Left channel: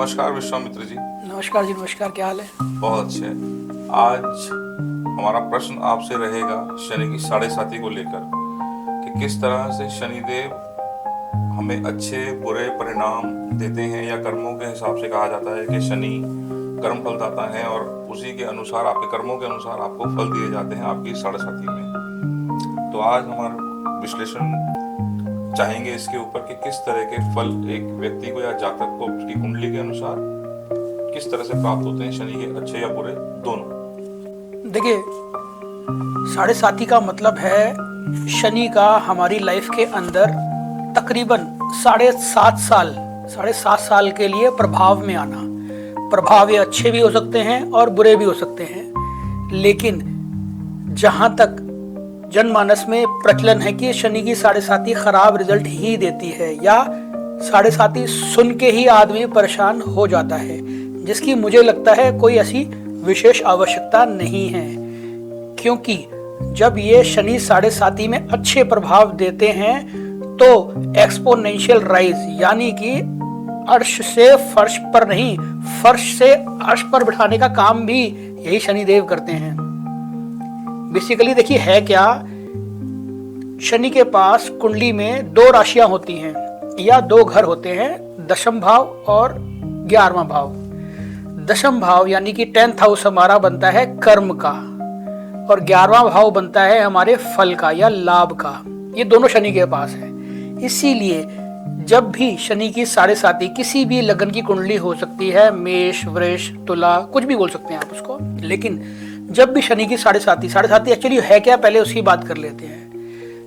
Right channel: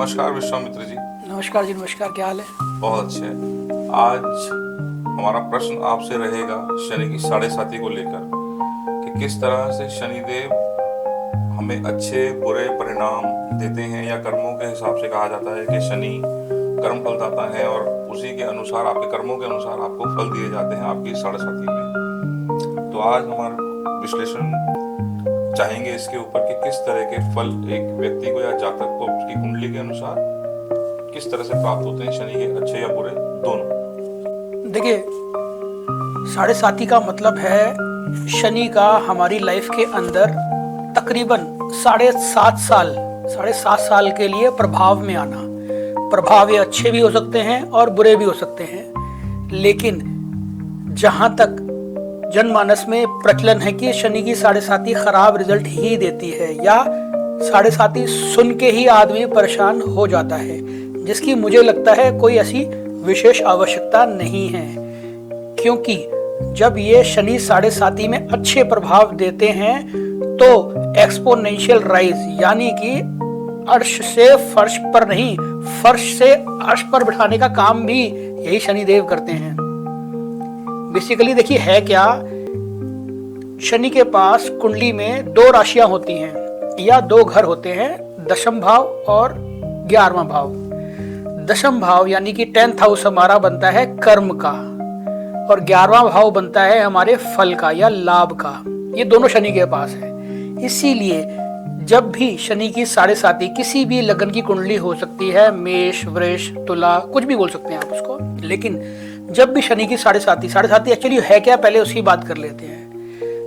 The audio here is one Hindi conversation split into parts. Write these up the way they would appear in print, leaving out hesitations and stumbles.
नमस्कार विश्वामित्र जी। नमस्कार जी, नमस्कार। क्या हाल है? बहुत अच्छे। आज हमारा प्रश्न आपसे रहेगा शनि की साढ़े साथी को लेकर कि किस तरह से शनिदेव हमें अच्छे बुरे परिणाम देते हैं, या कर्मों के हिसाब से कहा जाता है कि शनि कर्म फल दाता है और उसी के अनुसार, आपके कर्मों के अनुसार आपको फल दिए जाते हैं आपकी साढ़े साथी में। तो आज हमारा विश्लेषण चाहेंगे इसके ऊपर कि किस तरह के फल एक व्यक्ति को या जातक को उसकी कुंडली के अनुसार किस तरह से प्राप्त होते हैं, शनि के अच्छे या बुरे दोनों। देखिए, साढ़े साथी का मतलब है शनि का हमारी लाइफ के अंदर तकरीबन 7.5 साल के लिए प्रभाव में आना। प्रभाव ये अच्छे भी हो सकते हैं और बुरे भी हो सकते हैं, लेकिन जहां तक जनमानस में प्रचलन है कि शनि की साढ़े साथी खराब रिजल्ट ही देती है, या साढ़े साथी सुन के ही आदमी परेशान हो जाता है, जिसकी मुझे लगता है कोई ऐसी विशेष आवश्यकता नहीं है। क्योंकि जब ये शनि साढ़े साथी में अच्छे प्रभाव देते हैं तो एक्सपोनेंशियल राइज, यानी कि अर्श से फर्श पर नहीं, फर्श से अर्श पर बिठाने का काम भी यही शनिदेव करते हैं। बेसिकली देखिए है क्या, शनि के पास कुंडली में 2 राशियां होती हैं या 2 घर होते हैं, दशम भाव और 11वां भाव। दशम भाव यानी कि 10th हाउस हमारा बनता है कर्म का, और 11वां भाव बनता है हमारे फल का या लाभ का। ये दोनों शनि के पास है। इसीलिए जब भी शनि की साढ़े साथी, किसी भी लगन की कुंडली हो सकती है, मेष, वृष, तुला, कुछ भी बोल सकते हैं आप उसको, लेकिन जब भी शनि की साढ़े साथी एक्चुअली है क्या, पहले उसकी बात कर लेते हैं।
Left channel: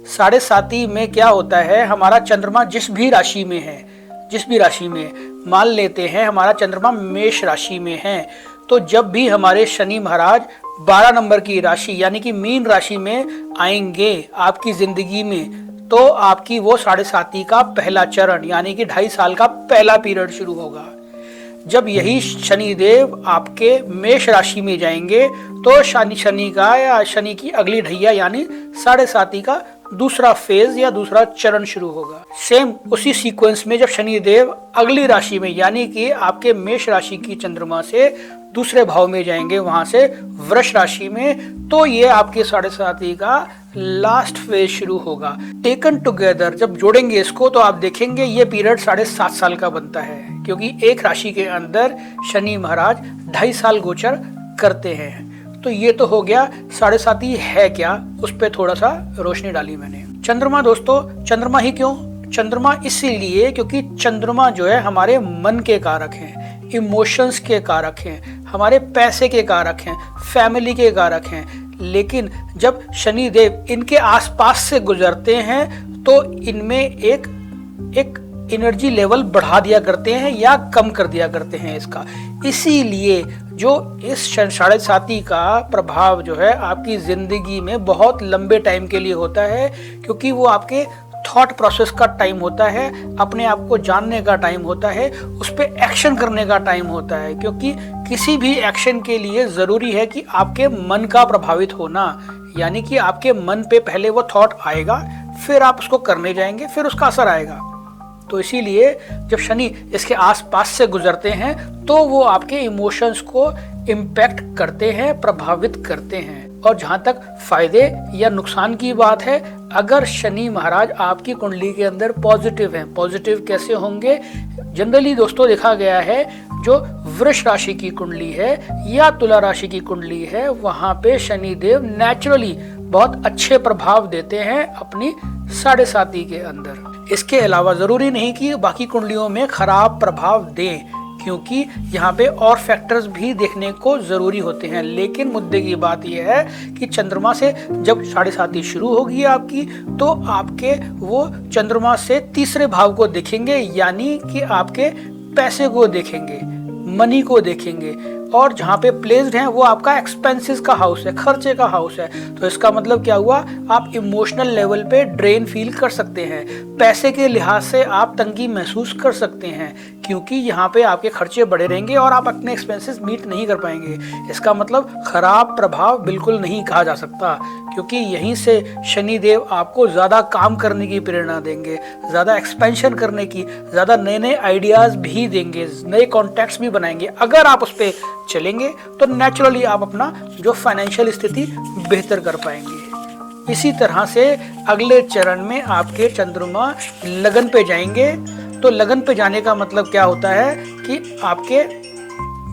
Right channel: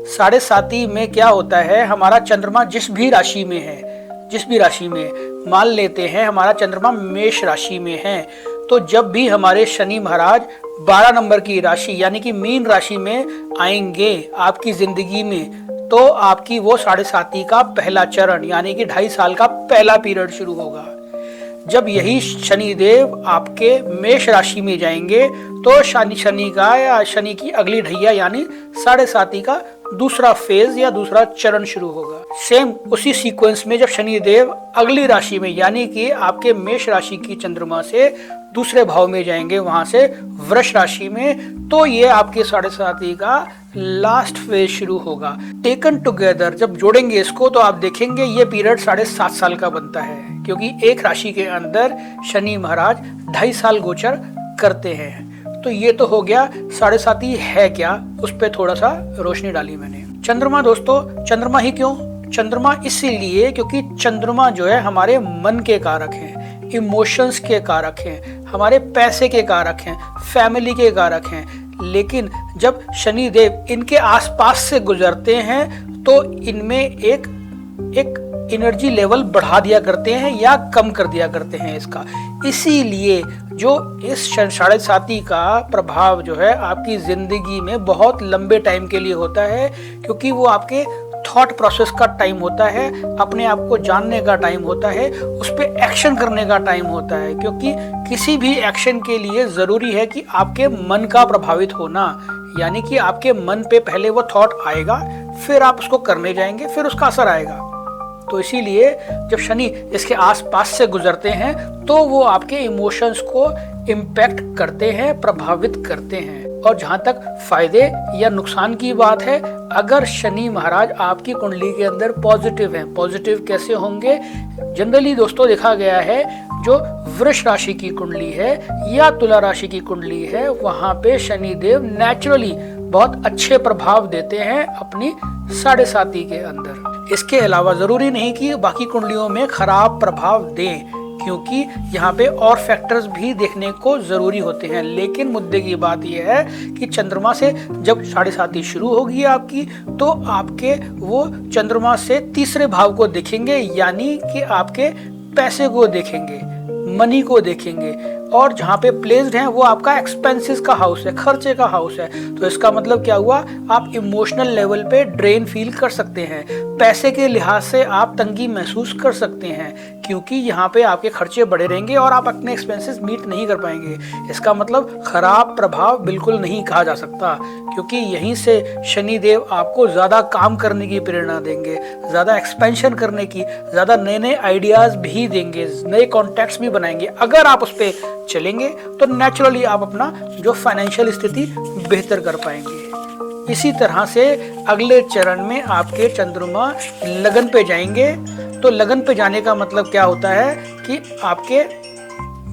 साढ़े साथी में क्या होता है, हमारा चंद्रमा जिस भी राशि में मान लेते हैं हमारा चंद्रमा मेष राशि में है, तो जब भी हमारे शनि महाराज 12 नंबर की राशि यानी कि मीन राशि में आएंगे आपकी जिंदगी में, तो आपकी वो साढ़े साथी का पहला चरण यानी कि 2.5 साल का पहला पीरियड शुरू होगा। जब यही शनिदेव आपके मेष राशि में जाएंगे तो शनि का या शनि की अगली ढैया यानी साढ़े साथी का दूसरा फेज या दूसरा चरण शुरू होगा। सेम उसी सीक्वेंस में जब शनिदेव अगली राशि में यानी कि आपके मेष राशि की चंद्रमा से दूसरे भाव में जाएंगे, वहां से वृष राशि में, तो ये आपके साढ़े साथी का लास्ट फेज शुरू होगा। टेकन टुगेदर जब जोड़ेंगे इसको तो आप देखेंगे ये पीरियड 7.5 साल का बनता है, क्योंकि एक राशि के अंदर शनि महाराज 2.5 साल गोचर करते हैं। तो ये तो हो गया साढ़े साथी है क्या, उस पर थोड़ा सा रोशनी डाली मैंने। चंद्रमा दोस्तों, चंद्रमा ही क्यों? चंद्रमा इसीलिए क्योंकि चंद्रमा जो है हमारे मन के कारक हैं, इमोशंस के कारक हैं, हमारे पैसे के कारक हैं, फैमिली के कारक हैं। लेकिन जब शनिदेव इनके आसपास से गुजरते हैं तो इनमें एक एनर्जी लेवल बढ़ा दिया करते हैं या कम कर दिया करते हैं इसका। इसीलिए जो इस साढ़े साथी का प्रभाव जो है आपकी जिंदगी में बहुत लंबे टाइम के लिए होता है, क्योंकि वो आपके थॉट प्रोसेस का टाइम होता है, अपने आप को जानने का टाइम होता है, उस पर एक्शन करने का टाइम होता है। क्योंकि किसी भी एक्शन के लिए जरूरी है कि आपके मन का प्रभावित होना, यानी कि आपके मन पे पहले वो थॉट आएगा, फिर आप उसको करने जाएंगे, फिर उसका असर आएगा। तो इसीलिए जब शनि इसके आसपास से गुजरते हैं तो वो आपके इमोशंस को इम्पैक्ट करते हैं, प्रभावित करते हैं। और जहां तक फायदे या नुकसान की बात है, अगर शनि महाराज आपकी कुंडली के अंदर पॉजिटिव है, पॉजिटिव कैसे होंगे? जनरली दोस्तों देखा गया है जो वृष राशि की कुंडली है या तुला राशि की कुंडली है, वहां पे शनिदेव नेचुरली बहुत अच्छे प्रभाव देते हैं अपने साढ़े साथी के अंदर। इसके अलावा जरूरी नहीं कि बाकी कुंडलियों में खराब प्रभाव दें, क्योंकि यहाँ पे और फैक्टर्स भी देखने को जरूरी होते हैं। लेकिन मुद्दे की बात यह है कि चंद्रमा से जब साढ़े साथी शुरू होगी आपकी, तो आपके वो चंद्रमा से तीसरे भाव को देखेंगे, यानी कि आपके पैसे को देखेंगे, मनी को देखेंगे। और जहाँ पे प्लेस्ड है वो आपका एक्सपेंसेस का हाउस है, खर्चे का हाउस है। तो इसका मतलब क्या हुआ, आप इमोशनल लेवल पे ड्रेन फील कर सकते हैं, पैसे के लिहाज से आप तंगी महसूस कर सकते हैं, क्योंकि यहाँ पे आपके खर्चे बढ़े रहेंगे और आप अपने एक्सपेंसेस मीट नहीं कर पाएंगे। इसका मतलब खराब प्रभाव बिल्कुल नहीं कहा जा सकता, क्योंकि यहीं से शनि देव आपको ज्यादा काम करने की प्रेरणा देंगे, ज्यादा एक्सपेंशन करने की, ज्यादा नए नए आइडियाज भी देंगे, नए कॉन्टैक्ट्स भी बनाएंगे। अगर आप उस पर चलेंगे तो नेचुरली आप अपना जो फाइनेंशियल स्थिति बेहतर कर पाएंगे। इसी तरह से अगले चरण में आपके चंद्रमा लगन पे जाएंगे। तो लगन पे जाने का मतलब क्या होता है कि आपके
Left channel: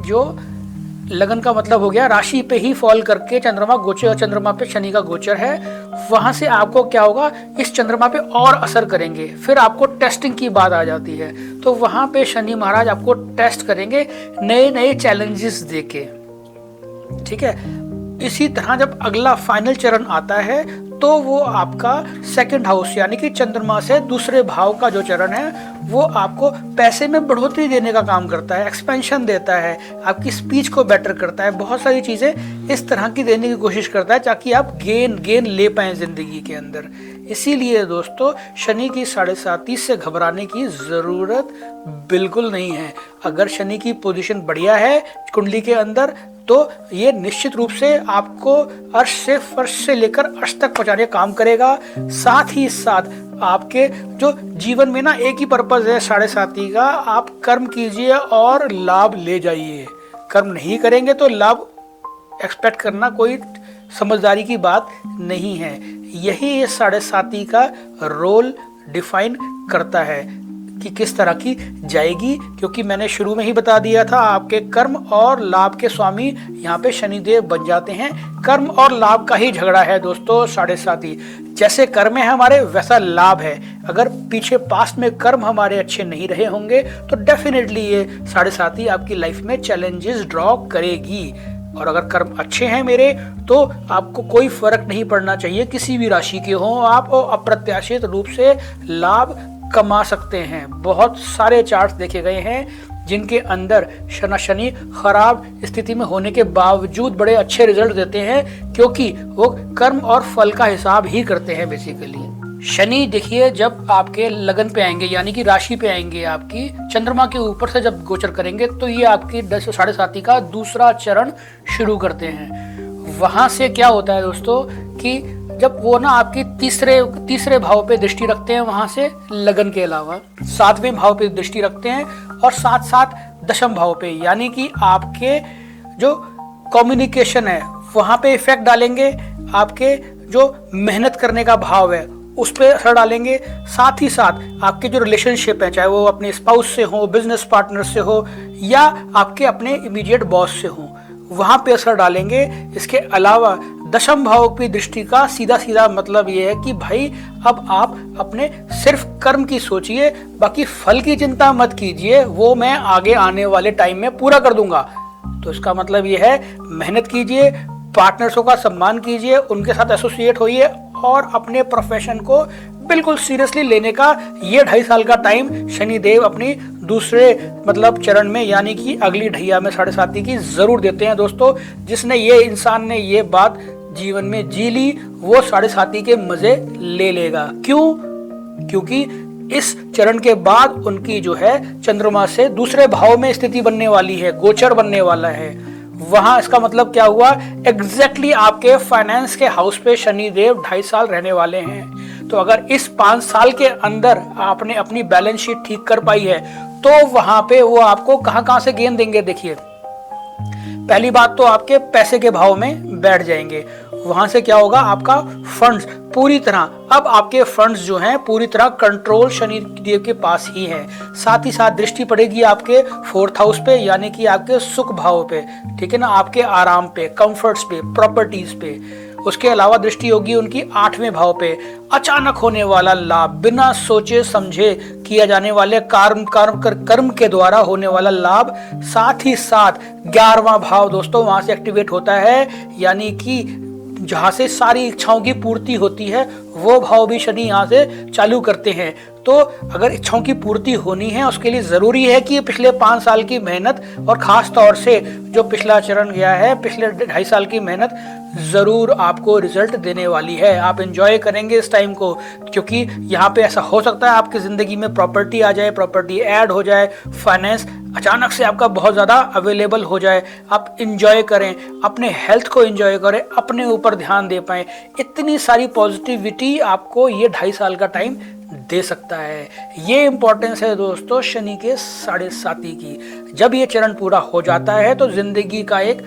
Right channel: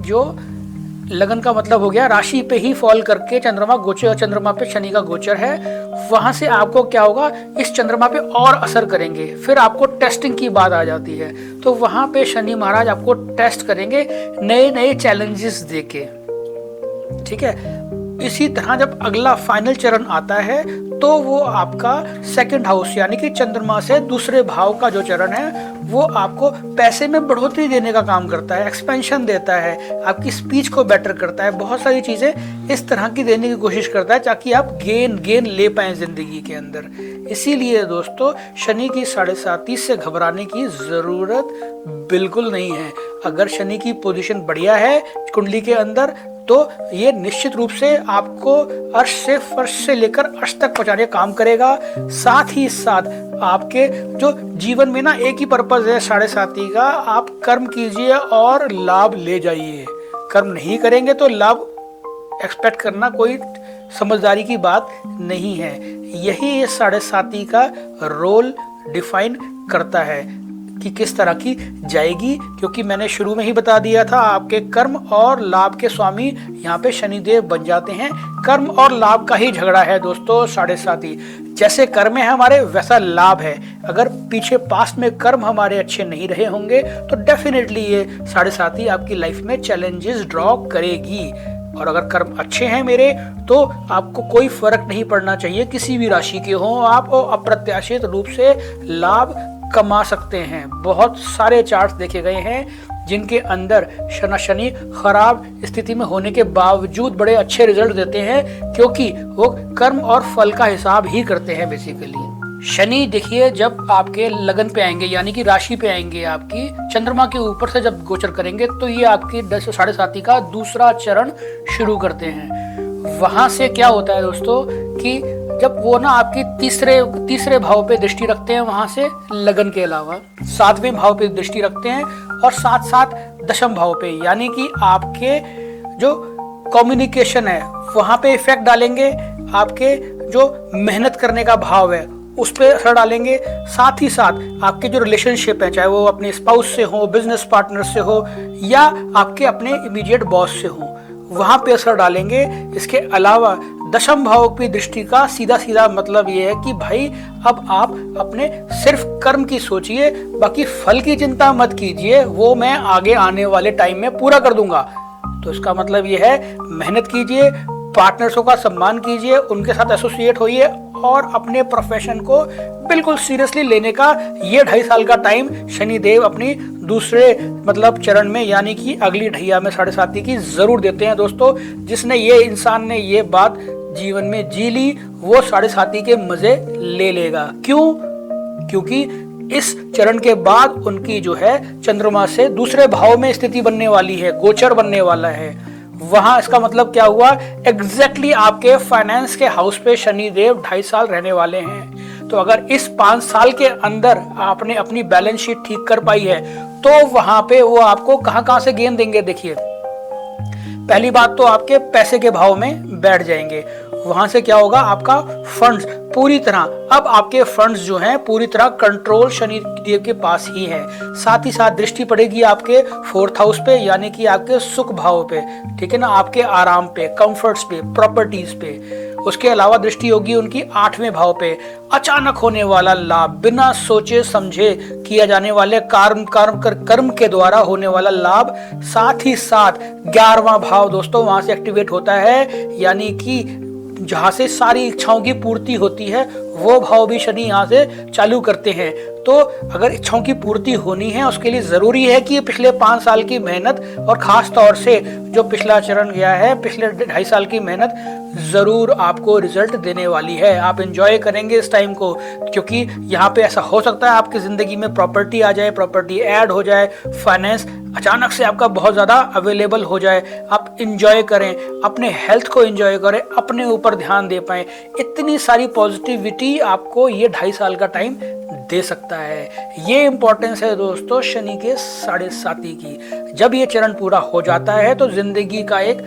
जो लगन का मतलब हो गया राशि पे ही फॉल करके चंद्रमा गोचर, और चंद्रमा पे शनि का गोचर है। वहां से आपको क्या होगा, इस चंद्रमा पे और असर करेंगे। फिर आपको टेस्टिंग की बात आ जाती है, तो वहां पे शनि महाराज आपको टेस्ट करेंगे नए नए चैलेंजेस देके, ठीक है। इसी तरह जब अगला फाइनल चरण आता है तो वो आपका सेकंड हाउस यानी कि चंद्रमा से दूसरे भाव का जो चरण है वो आपको पैसे में बढ़ोतरी देने का काम करता है, एक्सपेंशन देता है, आपकी स्पीच को बेटर करता है, बहुत सारी चीजें इस तरह की देने की कोशिश करता है ताकि आप गेन ले पाए जिंदगी के अंदर। इसीलिए दोस्तों शनि की 7.5 से घबराने की जरूरत बिल्कुल नहीं है। अगर शनि की पोजीशन बढ़िया है कुंडली के अंदर तो ये निश्चित रूप से आपको अर्श से फर्श से लेकर अर्श तक पहुंचाने का काम करेगा। साथ ही साथ आपके जो जीवन में ना एक ही पर्पज है 7.5 का, आप कर्म कीजिए और लाभ ले जाइए। कर्म नहीं करेंगे तो लाभ एक्सपेक्ट करना कोई समझदारी की बात नहीं है। यही 7.5 का रोल डिफाइन करता है कि किस तरह की जाएगी, क्योंकि मैंने शुरू में ही बता दिया था आपके कर्म और लाभ के स्वामी यहाँ पे शनिदेव बन जाते हैं। कर्म और लाभ का ही झगड़ा है दोस्तों 7.5। जैसे कर्म है हमारे वैसा लाभ है। अगर पीछे पास्ट में कर्म हमारे अच्छे नहीं रहे होंगे तो डेफिनेटली ये 7.5 आपकी लाइफ में चैलेंजेस ड्रॉ करेगी। और अगर कर्म अच्छे हैं मेरे तो आपको कोई फर्क नहीं पड़ना चाहिए, किसी भी राशि के हो आप अप्रत्याशित रूप से लाभ कमा सकते हैं। बहुत सारे चार्ट्स देखे गए हैं जिनके अंदर शनि खराब स्थिति में होने के बावजूद बड़े अच्छे रिजल्ट देते हैं, क्योंकि वो कर्म और फल का हिसाब ही करते हैं बेसिकली। शनि देखिए जब आपके लगन पे आएंगे यानी कि राशि पे आएंगे, आपकी चंद्रमा के ऊपर से जब गोचर करेंगे तो ये आपके 7.5 का दूसरा चरण शुरू करते हैं। वहां से क्या होता है दोस्तों कि जब वो ना आपकी तीसरे भाव पे दृष्टि रखते हैं, वहां से लगन के अलावा 7वें भाव पे दृष्टि रखते हैं और साथ साथ 10वें भाव पे, यानी कि आपके जो कम्युनिकेशन है वहां पे इफेक्ट डालेंगे। आपके जो मेहनत करने का भाव है उस पे असर डालेंगे। साथ ही साथ आपके जो रिलेशनशिप है, चाहे वो अपने स्पाउस से हो, बिजनेस पार्टनर से हो या आपके अपने इमीडिएट बॉस से हो, वहां पे असर डालेंगे। इसके अलावा 10वें भाव की दृष्टि का सीधा मतलब ये है कि भाई अब आप अपने सिर्फ कर्म की सोचिए, बाकी फल की चिंता मत कीजिए, वो मैं आगे आने वाले टाइम में पूरा कर दूंगा। तो इसका मतलब ये है मेहनत कीजिए, पार्टनर्सों का सम्मान कीजिए, उनके साथ एसोसिएट होइए और अपने प्रोफेशन को बिल्कुल सीरियसली लेने का ये 2.5 साल का टाइम शनिदेव अपनी दूसरे चरण में यानी कि अगली ढैया में 7.5 की जरूर देते हैं दोस्तों। जिसने ये इंसान ने ये बात जीवन में जी ली वो 7.5 के मजे ले लेगा। क्यों? क्योंकि इस चरण के बाद उनकी जो है चंद्रमा से दूसरे भाव में स्थिति बनने वाली है, गोचर बनने वाला है। वहां इसका मतलब क्या हुआ, एग्जैक्टली आपके फाइनेंस के हाउस पे शनिदेव 2.5 साल रहने वाले हैं। तो अगर इस 5 साल के अंदर आपने अपनी बैलेंस शीट ठीक कर पाई है तो वहां पे वो आपको कहां से गेन देंगे। देखिए पहली बात तो आपके पैसे के भाव में बैठ जाएंगे। वहां से क्या होगा, आपका फंड्स पूरी तरह, अब आपके फंड्स जो हैं पूरी तरह कंट्रोल शनिदेव के पास ही है। साथ ही साथ दृष्टि पड़ेगी आपके 4th हाउस पे यानी कि आपके सुख भाव पे, ठीक है ना, आपके आराम पे, कंफर्ट्स पे, प्रॉपर्टीज पे। उसके अलावा दृष्टि होगी उनकी 8वें भाव पे, अचानक होने वाला लाभ, बिना सोचे समझे किए जाने वाले कर्म के द्वारा होने वाला लाभ। साथ ही साथ 11वां भाव दोस्तों वहां से एक्टिवेट होता है, यानी कि जहां से सारी इच्छाओं की पूर्ति होती है वो भाव भी शनि यहाँ से चालू करते हैं। तो अगर इच्छाओं की पूर्ति होनी है उसके लिए जरूरी है कि पिछले 5 साल की मेहनत और खास तौर से जो पिछला चरण गया है, पिछले 2.5 साल की मेहनत जरूर आपको रिजल्ट देने वाली है। आप एंजॉय करेंगे इस टाइम को, क्योंकि यहाँ पे ऐसा हो सकता है आपकी जिंदगी में प्रॉपर्टी आ जाए, प्रॉपर्टी ऐड हो जाए, फाइनेंस अचानक से आपका बहुत ज्यादा अवेलेबल हो जाए। आप एंजॉय करें, अपने हेल्थ को एंजॉय करें, अपने ऊपर ध्यान दे पाए। इतनी सारी पॉजिटिविटी आपको ये 2.5 साल का टाइम दे सकता है। ये इंपॉर्टेंस है दोस्तों शनि के 7.5 की। जब ये चरण पूरा हो जाता है तो जिंदगी का एक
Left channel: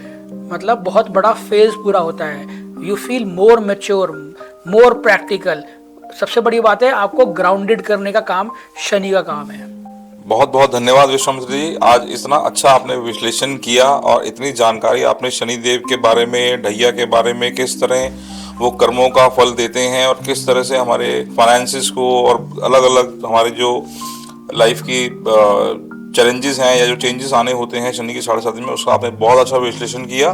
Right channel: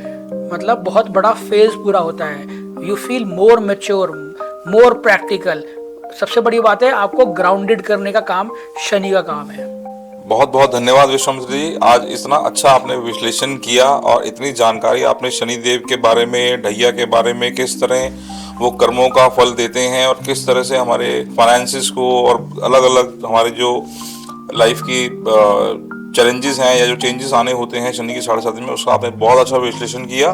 मतलब बहुत बड़ा फेज पूरा होता है। You feel more mature, more practical. सबसे बड़ी बात है, आपको ग्राउंडेड करने का काम शनि का काम है। बहुत बहुत धन्यवाद विश्वामित्र जी, आज इतना अच्छा आपने विश्लेषण किया और इतनी जानकारी आपने शनिदेव के बारे में, ढैया के बारे में, किस तरह वो कर्मों का फल देते हैं और किस तरह से हमारे फाइनेंसिस को और अलग अलग हमारे जो लाइफ की चैलेंजेस हैं या जो चेंजेस आने होते हैं शनि के 7.5 में, उसका आपने बहुत अच्छा विश्लेषण किया।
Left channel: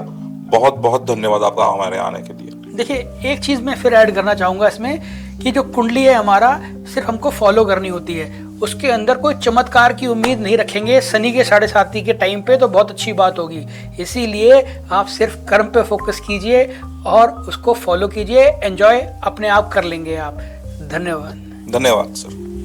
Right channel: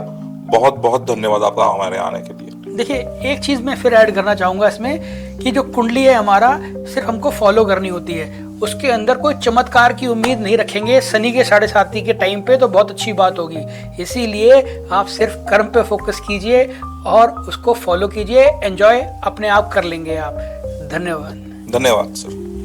बहुत बहुत धन्यवाद आपका हमारे आने के लिए। देखिए, एक चीज मैं फिर ऐड करना चाहूंगा इसमें कि जो कुंडली है हमारा सिर्फ हमको फॉलो करनी होती है, उसके अंदर कोई चमत्कार की उम्मीद नहीं रखेंगे शनि के 7.5 के टाइम पे, तो बहुत अच्छी बात होगी। इसीलिए आप सिर्फ कर्म पे फोकस कीजिए और उसको फॉलो कीजिए, एंजॉय अपने आप कर लेंगे आप। धन्यवाद। धन्यवाद सर।